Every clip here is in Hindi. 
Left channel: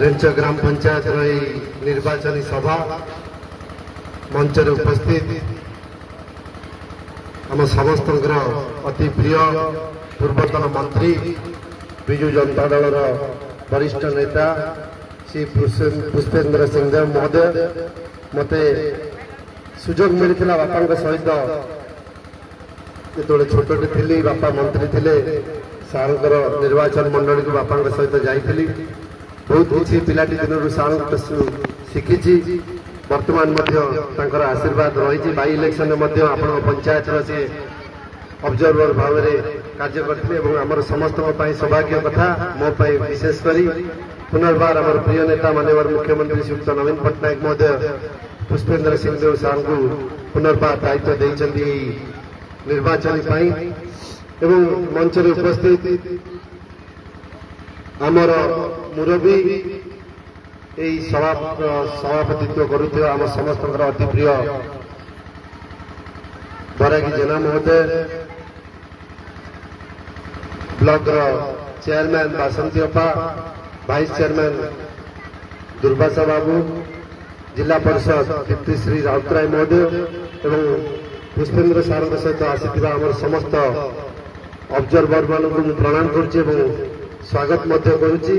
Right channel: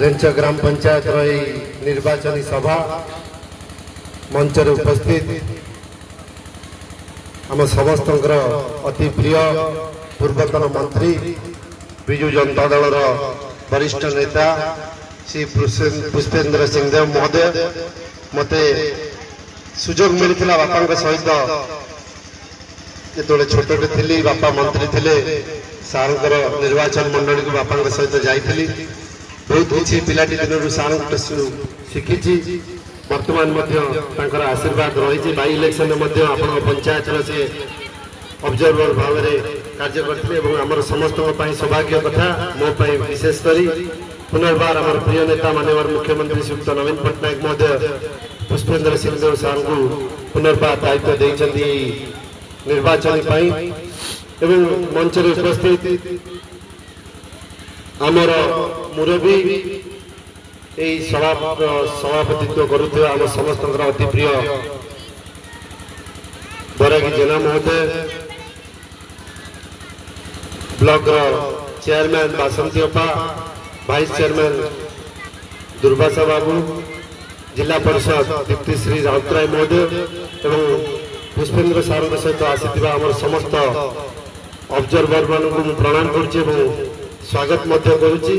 रेंच ग्राम पंचायत निर्वाचन सभा मंचर उपस्थित आम समस्त अति प्रिय पूर्वतन मंत्री विजु जनता दल वरिष्ठ नेता श्री पुष्पेंद्र सिंहदेव महोदय मते सुजोग मिलता बापा सहित जो छोटे थी बापा मंत्री थे सार निर्वाचन मंडली को बापा सहित जाइली बहुत किसी पिलाटी दिन सार शिखी वर्तमान आशीर्वाद रही बाई इलेक्शन पंचायत से ऑब्जर्वर भाव में कार्य करते आम समस्त सौभाग्य कथा मो विशेषकर पुनर्बार आम प्रिय नेता माननीय मुख्यमंत्री श्रीयुक्त नवीन पट्टनायक महोदय पुष्पेंद्र सिंहदेव सार को पुनर्बार दायित्व देते निर्वाचन एवं मंच उपस्थित आमर मुरबी सभापतित्व करुवा आम समस्त अति प्रिय बरागी जेना महोदय ब्लॉक चेयरमैन बासंती अपा वाइस चेयरमैन दुर्वासा बाबू जिला परिषद दीप्तिश्री राउतराय महोदय एवं पुष्पेंद्र सार सहित आसीथिबा आमर समस्त ऑब्जर्वर मानक प्रणाम करुच्ची स्वागत करुच्ची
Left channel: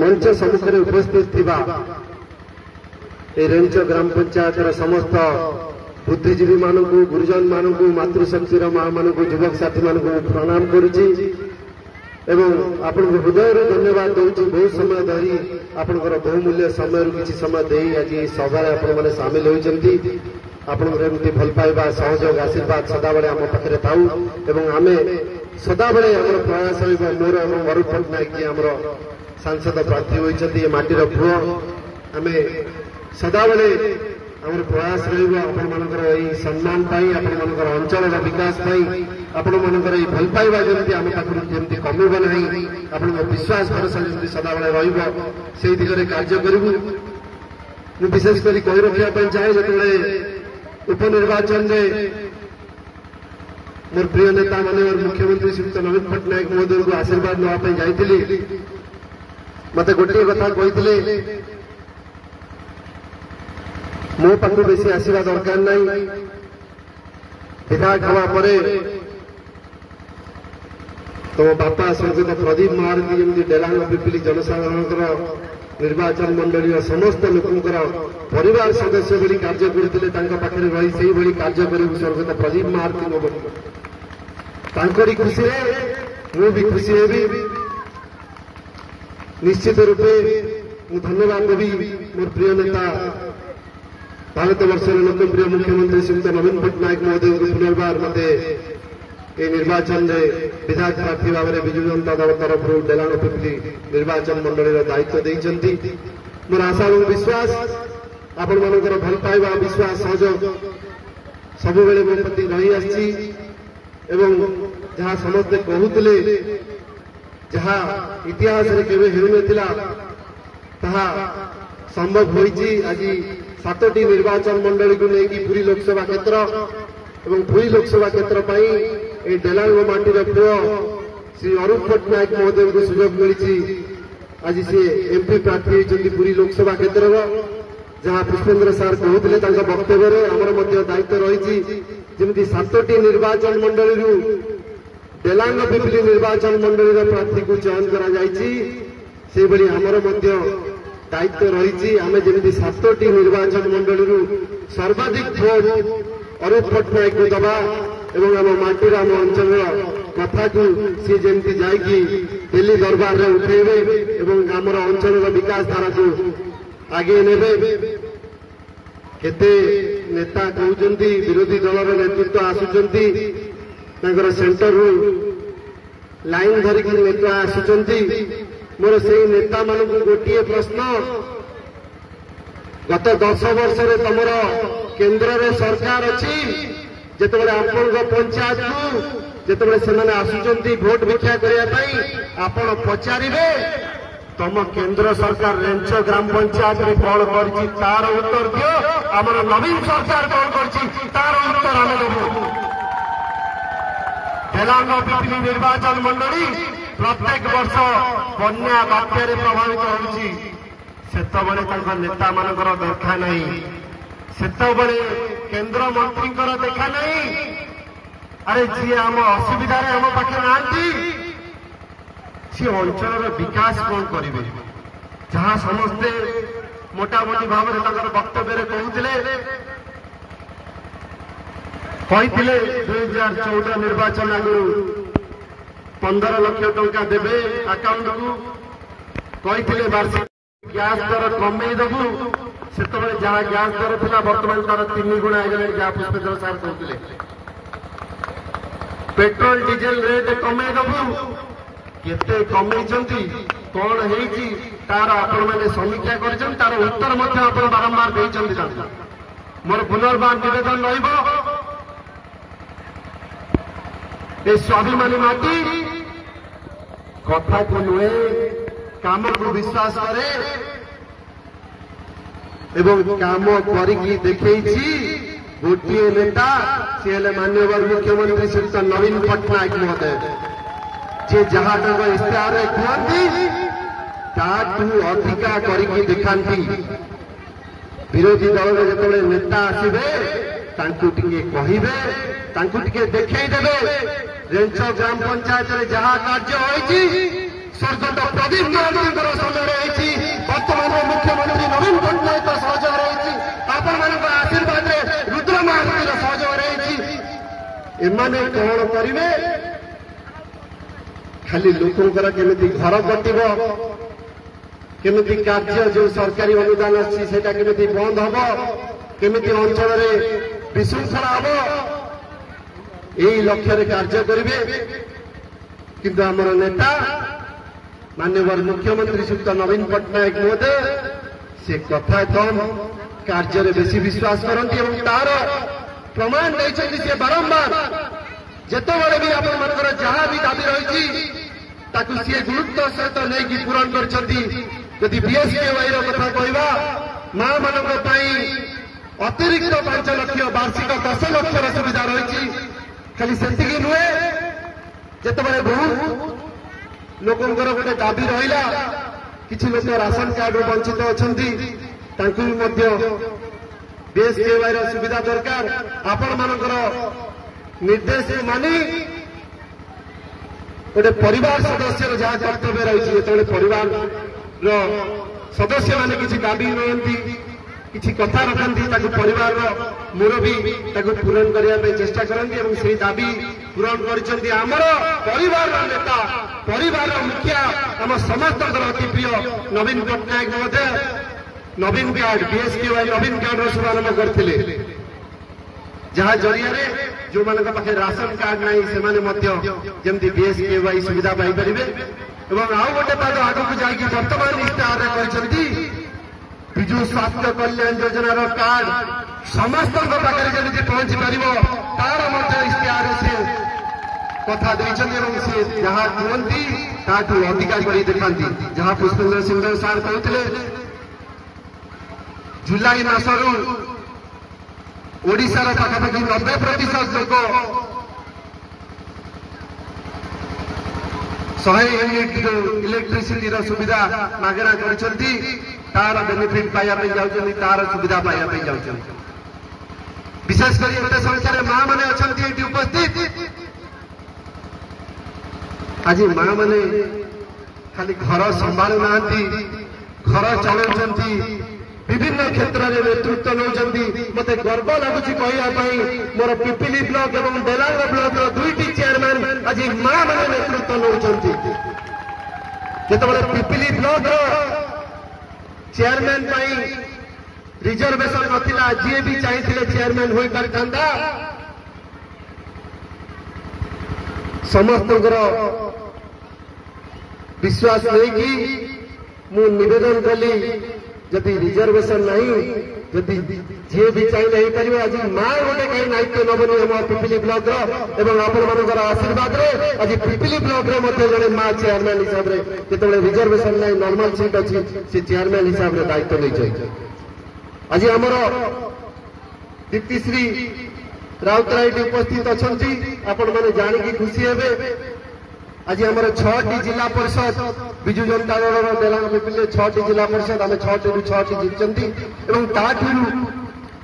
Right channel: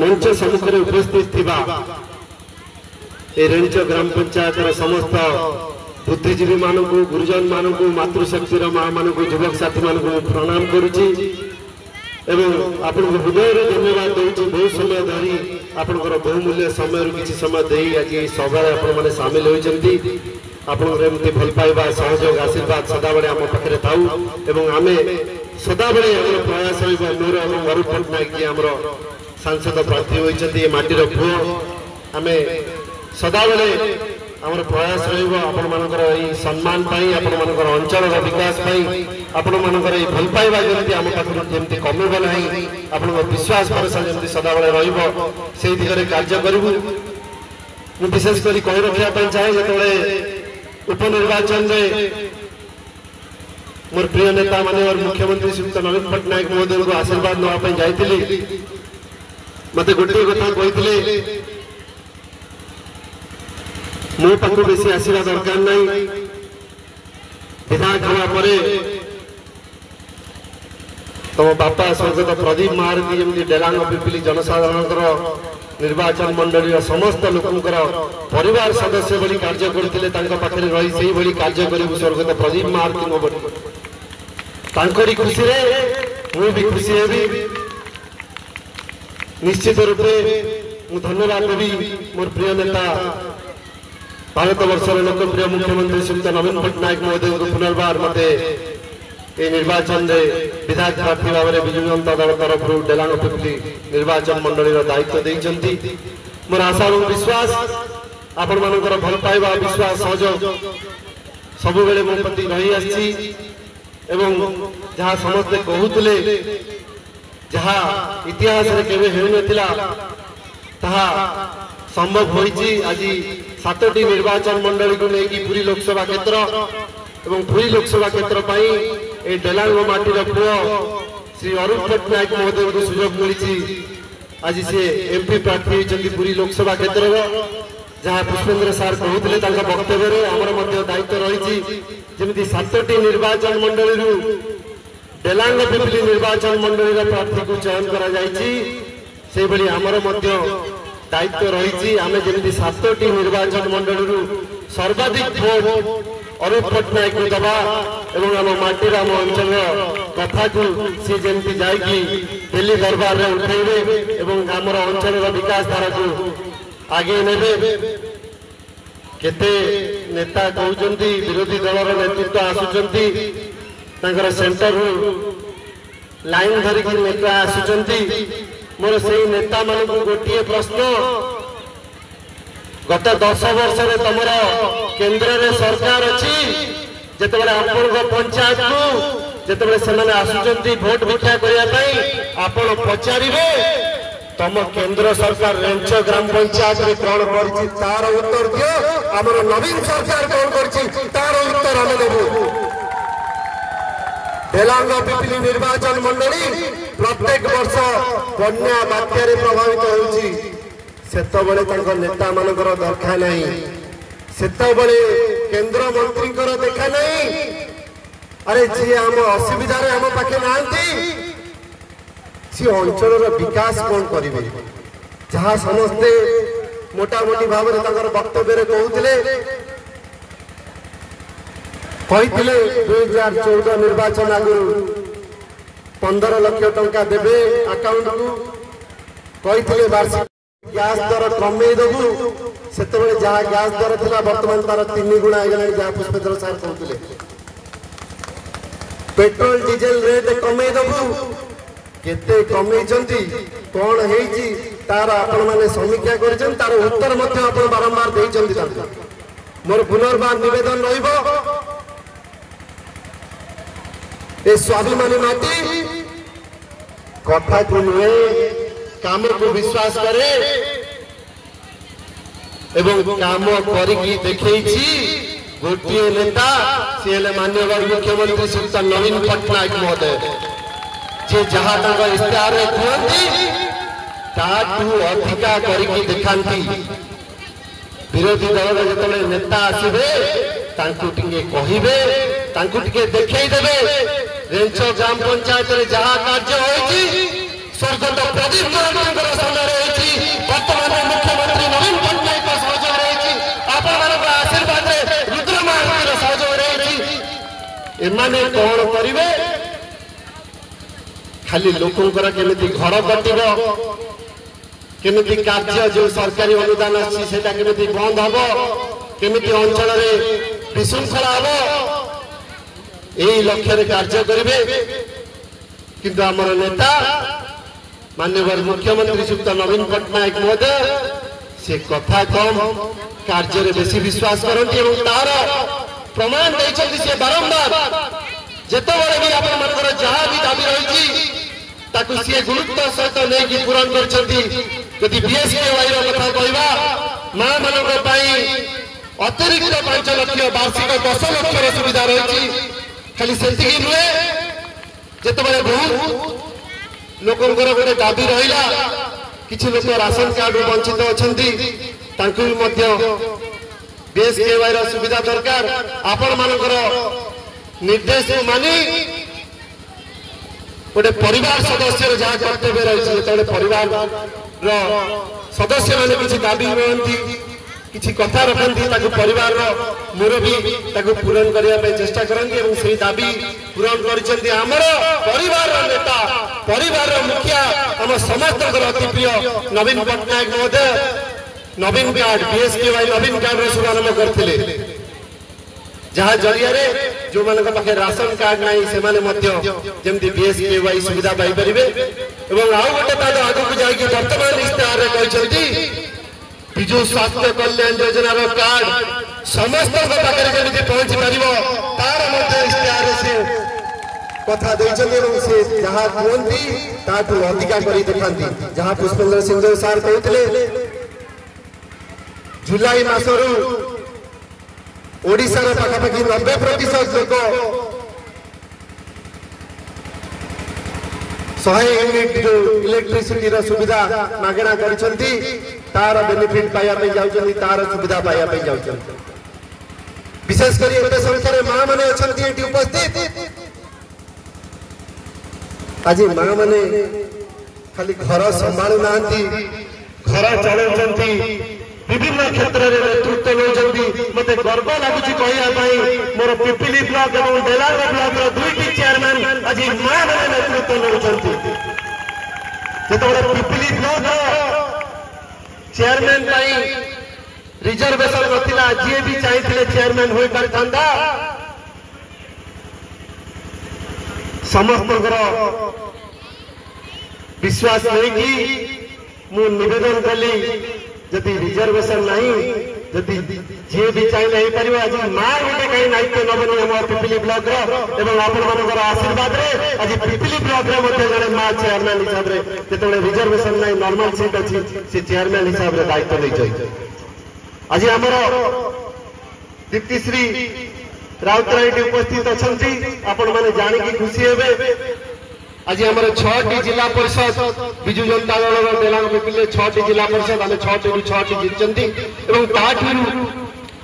मंच सम्मुख में उपस्थित थिबा रेंच ग्राम पंचायत समस्त बुद्धिजीवी मानक गुरुजन मानक मातृशक्तिर माँ मानक युवक साथी मानक प्रणाम करुच्ची आपण हृदय धन्यवाद दूसरी बहुत समय धरी आपंकर बहुमूल्य समय किसी समय दे आज सभा आपने सामिल होती आपमती भल पाइबा सहयोग आशीर्वाद सदाबले आम पाखे थाऊ आम सदाबले आम प्रयास मोर वरुण पट्टनायक जी आम सांसद प्रार्थी होती माटीर पुओ आम सदाबले आम प्रयास रही सम्मान आपण अंचल विकास आपण भल पाइबा जमी आम पाखर कमिब ना आप विश्वास भरोसा जमी सदाबले रही दिगरे कार्य करूँ विशेषकर कही रखा चाहे जो उपनिर्वाचन मोर प्रिय नेता माननीय मुख्यमंत्री श्रीयुक्त नवीन पट्टनायक महोदय को आशीर्वाद नापी जाइली मत गोटे कथा कही मो पाखु बेसी आसवा दरकार नहीं विधायक हवा पर तुम बापा स्वर्गत प्रदीप महारती जमी डेलांग पिपिली जनसाधारण निर्वाचन मंडली समस्त लोकंर परिवार सदस्य भली कार्य करते पाखे रही से भली कार्य करूँ स्वर्गत प्रदीप महारती खुशी मु भी खुशी हेबी निश्चित रूपे मु धन्यवाद देवी मोर प्रिय नेता भारत वर्षर लोकप्रिय मुख्यमंत्री श्रीयुक्त नवीन पट्टनायक महोदय को पुनर्बार मते निर्वाचन विधायक प्रार्थी भाव में विजु जनता दल तरफ डेलांग पिपली निर्वाचन मंडली दायित्व देते मोर आशा और विश्वास आपण मानकर भल पाइबा विश्वास सहयोग सब बेले मो प्रति रही आसी जहाँ समस्ते कहते जहाँ इतिहास केवे हेउनथिला ताहा संभव होइछि आज 7टी निर्वाचन मंडली को लेकिन पुरी लोकसभा क्षेत्र एवं पुरी लोकसभा क्षेत्र ए डेलांग माटीर पुओ श्री वरुण पट्टनायक महोदय को सुजोग मिली आज सी एमपी प्रार्थी होती पुरी लोकसभा क्षेत्र जहाँ पुष्पेंद्र सार कहते वक्तव्य आमर दायित्व रही जमी 7टी निर्वाचन मंडली डेलांग पिपिली निर्वाचन मंडली प्रार्थी को चयन कर आमर दायित्व रही आम जमी 7टी निर्वाचन मंडली सर्वाधिक भोट अरुण पट्टनायक को दबा एवं आम माटीर आम अंचल कथा को सी जमी जाकि दिल्ली दरबार में उठेबे एवं आमर अंचल विकास धारा को आगे नेबे केते नेता कहते विरोधी दलर नेतृत्व आसुचंती सेंटर लाइन धरिक नेता आसुचंती मोर से नेता मान गोटे प्रश्न गत 10 वर्ष में तुम केंद्र में सरकार अच्छी जिते आपण पंचायत को जिते से आसुचंती भोट भिक्षा करने आपण पचारे तुम केंद्र सरकार रेंच ग्राम पंचायत में कौन कर तार उत्तर दियो आमर नवीन सरकार कौन कर तार उत्तर आम देबू डेलांग पिपिली निर्वाचन मंडली प्रत्येक वर्ष बन्या बात्यारे प्रभावित होउची सेतबळे तांकर नेता मानकर दरखा नहीं सेतबळे केंद्र मंत्री देखा नहीं अरे जी आम असुविधा आम पाखे नांती सी अंचल विकास कौन करेंगे जहाँ समस्ते मोटामोटी भाव में वक्तव्य कहते 2014 निर्वाचन आगु 15 लाख टंका देवे अकाउंट को कहते वार्षिक गैस दर कमे दबु से जहाँ गैस दर था बर्तमान तार 3 गुणा है जहाँ पुष्पेंद्र सार कहते पेट्रोल डीजेल रेट कमे दबु केते कमे कौन है तार आपण मैंने समीक्षा कर तार उत्तर बारंबार देते मोर पुनर्बार निवेदन ये स्वाभिमानी माटी कथा को नुहे काम को विश्वास करे एवं काम करिकी देखैछि गोटे नेता सी माननीय मुख्यमंत्री श्री नवीन पट्टनायक महोदय जे जहाँ इश्तेहार कहती ताठू अधिका करिकी दिखाती विरोधी दल जो नेता आसवे कहबे देखदेवे रेंच ग्राम पंचायत जहाँ कार्य होती स्वर्गत प्रदीप महांती सामने बर्तमान मुख्यमंत्री नवीन पट्टनायक सहयोग रही आपण आशीर्वाद रुद्र महांती सहयोग रही एमाने कौन करेंगे खाली लोकंर केमिति घर कटिब केमिति कार्य जो सरकारी अनुदान अच्छी केमिति बंद हम केमिति अंचल विशृंखला हम यही लक्ष्य कार्य करेंगे किंतु आमर नेता माननीय मुख्यमंत्री श्रीयुक्त नवीन पट्टनायक महोदय से कथा कम कार्य बेसी विश्वास करती तार प्रमाण देते बारंबार जितेबाला भी आप जहाँ भी दाबी रही सी गुरुत्व सहित नहीं पूरण कर बीएसकेवाई कथा कहवा माँ मान अतिरिक्त 5 लाख वार्षिक 10 लाख सुविधा रही खाली से नुहे जिते बहु लोकंर गोटे दाबी रहा किसी लोक राशन कार्ड वंचित अच्छा बीएसकेवाई सुविधा दरकार आपण मानकर निर्देश मानी गोटे परिवार सदस्य जहाँ कर्तव्य रही जो परिवार सदस्य मैंने किसी दाबी रही किसी कथा रखती परिवार मुरबी पूरण करने चेष्टा करती से दाबी पूरण कर परिवार नेता परिवार मुखिया आम समस्त अति प्रिय नवीन पट्टनायक महोदय नवीन कार्ड बीएसकेवाई नवीन कार्ड शुभारंभ करते जहाँ जरिया जो मान पाखे राशन कार्ड नहीं से जमी बीएसकेवाई सुविधा पाई पारे आउ गोटे पाद आगू जाकि वर्तमान इश्तेहार कहते विजु स्वास्थ्य कल्याण योजनार कार्ड समस्त पाखे पहुंची पार तार इश्तेहार से कथा से जहाँ कहती ताठू अधिका कर दिखाती जहाँ पुष्पेंद्र सिंह सार कहते जुलाई मासरू ओडिशार पाखापाखि 90% लोक 100 यूनिट इलेक्ट्रिसिटी सुविधा मागणा करछंती तार बेनिफिट पाइबा जाउछंती तार सुविधा पाइबा जाउछंती विशेष कर एते संख्या रे मां माने अछंती एटी उपस्थित आज मां माने खाली घर संभाळु नांती घर चलाउछंती विभिन्न क्षेत्र में नेतृत्व नौकरी मत गर्व लगुच कहवाई मोर पिपिली ब्लॉक और डेलांग ब्लॉक दुईटी चेयरमैन आज माँ मैंने नेतृत्व नौकरी पिपिली ब्लॉक चेयरमैन रिजर्वेशन नथिला जी भी चाहिए चेयरमैन हो पारता समस्त विश्वास नहीं मु निवेदन कली जदि रिजर्वेशन नहीं जदि जी भी चाहिए हो पार आज माँ गोटे कहीं दायित्व नबनी आम पिपिली ब्लॉक आशीर्वाद आज पिपिली ब्लॉक जड़े माँ चेयरमैन हिसाब से जो रिजर्वेशन नहीं नॉर्मल सीट अच्छी से चेयरमैन हिसाब से दायित्व नहीं चाहिए आज आमर दीप्तिश्री राउतराय उपस्थित अच्छा आपण मैंने जानिकी खुशी हे आज आम 6टी जिला परिषद विजु जनता दल बेला पिपिले 6टी जिला परिषद आम 6टी 6टी जीतती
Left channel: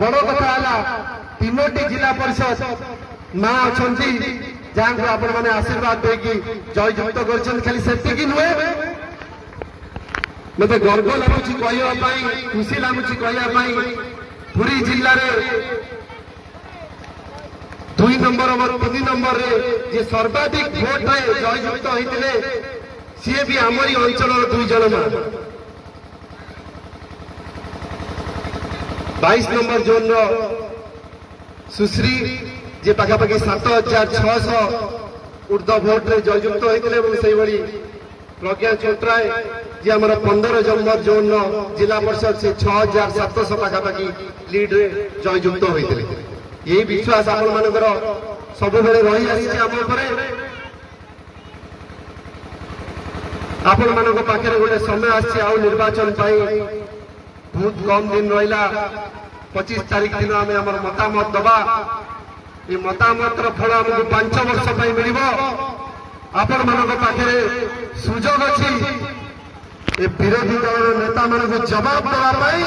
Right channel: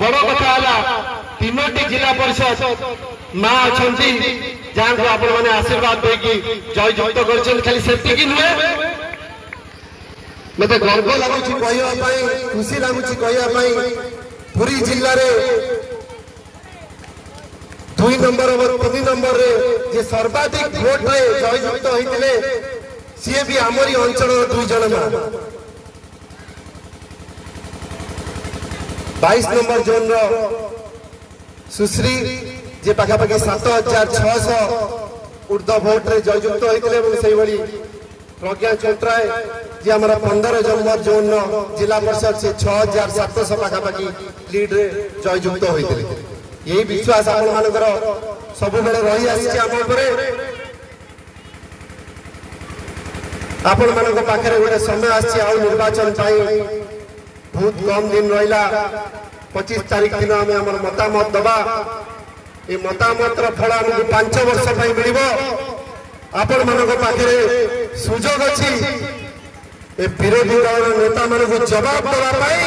बड़ कथा है 3टी जिला परिषद माँ अच्छा जहाँ को आपण मैंने आशीर्वाद देकी जययुक्त कर खाली से नुहे मत गर्व लगुच कहवाई खुशी लगुच कहवाई पुरी जिले में 2 नंबर और 3 नंबर जे सर्वाधिक भोट रे जययुक्त होते सी भी आमरी अंचल 2 जन 22 नंबर जोन सुश्री जे पाखापाखि 7600 ऊर्ध भोट रे जययुक्त होते से भली प्रज्ञा चोटराय जे आम 15 नंबर जोन जिला परिषद से 6700 पाखापाखि लीड रे जययुक्त होते यही विश्वास आपण मानकर सब बेले रही आसी आपण मान पाखे गोटे समय आसी निर्वाचन बहुत कम दिन रहा 25 तारीख दिन आम मतामत दबा ये मतामत फल आमको 5 वर्ष मिल आपण मान पाखे सुजोग अच्छी विरोधी दल नेता मान जवाब देवाई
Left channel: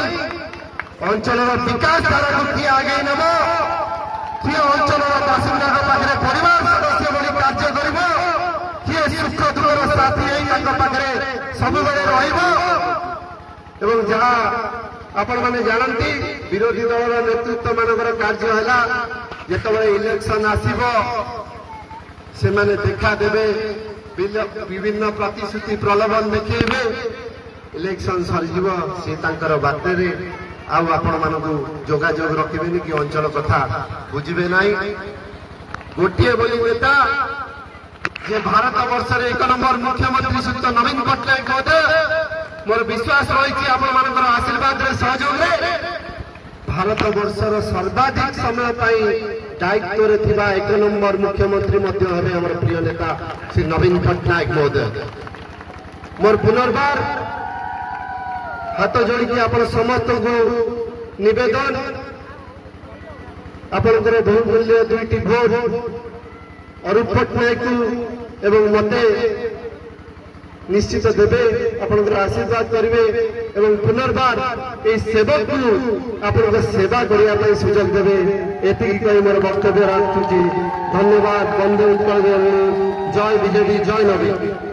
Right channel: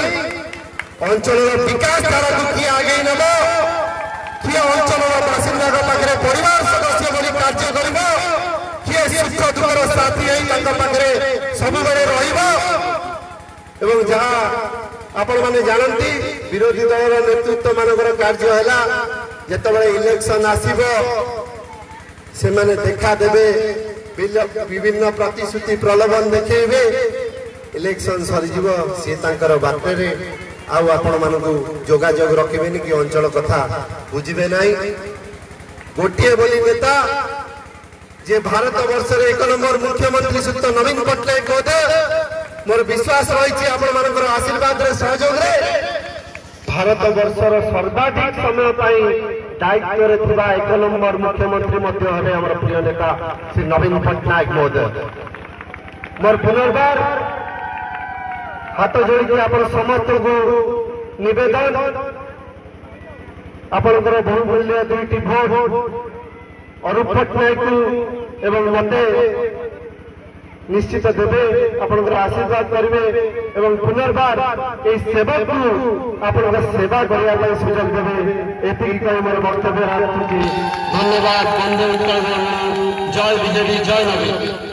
अंचल विकास धारा को किए आगे नब किए अंचल बासिंदा पाखे परिवार सदस्य बोली कार्य कर किए सुख दुखर साथी पाखे सब रहा आपण मैंने जानती विरोधी दल नेतृत्व मानकर कार्य है जिते इलेक्शन आसब से देखा देवे विभिन्न प्रतिश्रुति प्रलोभन देखेबे इलेक्शन सरीज सी बाटे आपण मानू जोगाजोग रखिबेनि कि अंचल कथा बुझे ना गोटे बोली नेता जे भारत वर्ष 1 नंबर मुख्यमंत्री सुत नवीन पट्टनायक होते मोर विश्वास रही आपण मानकर आशीर्वाद रे सहयोग रे भारत वर्षर सर्वाधिक समय दायित्व रे थिबा 1 नंबर मुख्यमंत्री मध्य हेबे हमर प्रिय नेता श्री नवीन पट्टनायक महोदय मोर पुनर्बार हाथ जोड़ी आप समस्त को निवेदन आपंकर बहुमूल्य 2टी भोट अरूप पट्टनायक एवं मते निश्चित देवे आपंकर आशीर्वाद करेंगे एवं पुनर्बार ये सेवक को आप सेवा करने सुजोग देवे एति कही मोर वक्तव्य रखुची। धन्यवाद। वंदे उत्कल जय बीजेपी जय नवीन।